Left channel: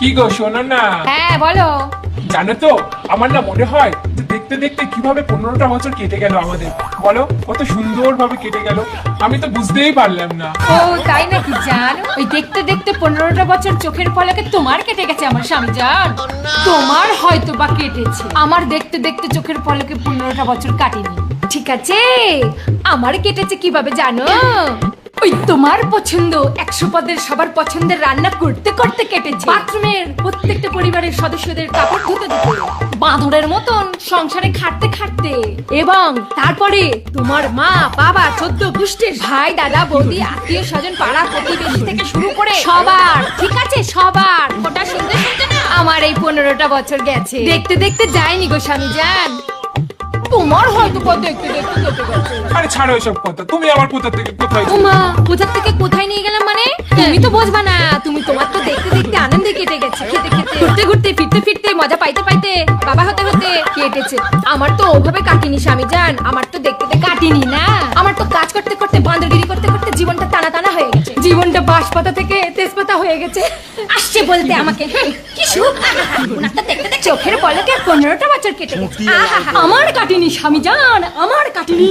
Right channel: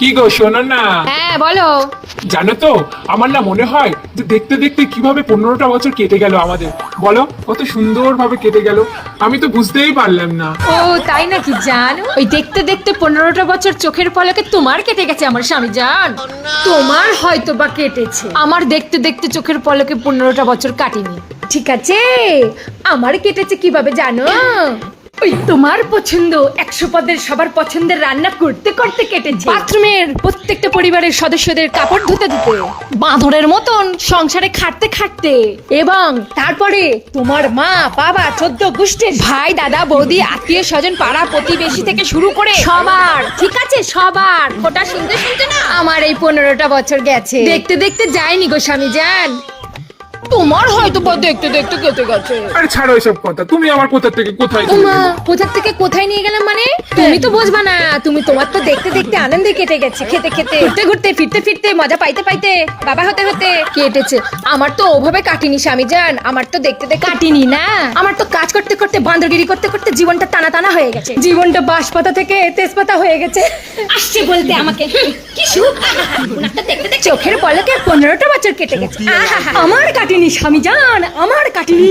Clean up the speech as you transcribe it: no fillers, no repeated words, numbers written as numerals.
কি গো শোনো না। হ্যাঁ বলো। জানো তো আমার না মনে হয় যে দেখতে দেখতে কিভাবে 15টা বছর কেটে গেল আমাদের। বলো কত সুন্দর ভাবে কেটে গেল, আমি তো বুঝতেই পারলাম না। ও তাই নাকি জান? ওই দেখতে দেখতে 15টা বছর চোখের পলকে তোমার কেটে গেছে আমার স্বামী জান। তোমার হয়তো বা কেটেছে, আমার দেখতে দেখতে চোখের পলকে 15টা বছর কাটিনি। ঠিক আছে। আমার কেটেছে কিভাবে জানো? ওই তোমার পছন্দ 100 পদের সবার পছন্দের রান্না করতে করতে কেটেছে। বাথরুমের প্রত্যেকটা পরিবারের সদস্যদের কাপড় ধুতে ধুতে, বাঁদরের মতন সংসারে খাটতে খাটতে, এবং তারপরে তোমার মা বাবা 14 গোষ্ঠীর ভাই দাদা বৌদি আত্মীয় স্বজন পাড়া প্রতিবেশী থেকে শুরু করে সবার, ঠিক আছে সবার, ওটা শুনতে শুনতে না আমার এই 15টা বছর গেছে। দেখতে দেখতে যায়নি গো স্বামী জান, তোমার হয়তো বা দেখতে দেখতে কেটে গেছে। আরে ছাড়ো এসব কথা, তুমি আমার কোথা থেকে কোথায় ও মা, কোথা থেকে কোথায় নিয়ে গেলাম মানে? তুমি তো বুঝবা না, তুমি তোমার তো দেখতে দেখতে আনন্দে কেটে গেছে, খেতে খেতে ঘুরতে ঘুরতে ফিরতে ফিরতে মজা পাইতে পাইতে বাবা হতে হতে কেটেছে। আমার তো ওভাবে কাটিনি স্বামী জান, আমার তো দেখতে দেখতে কাটিনি না, আমার তো কাজ করতে করতে বান্দরগিরি করতে করতে জীবনটা টানা টানা হয়ে গেছে, জীবনটা বাঁশপাতা থেকে তেজপাতা হয়ে গেছে। আসছে বলতে আমাকে কি সুখ, ওনারটা দেখতে দেখতে চোখের পলকে 15টা বছর কেটে গেছে। আমার কাটিনি স্বামী জান, আমার কাটিনি।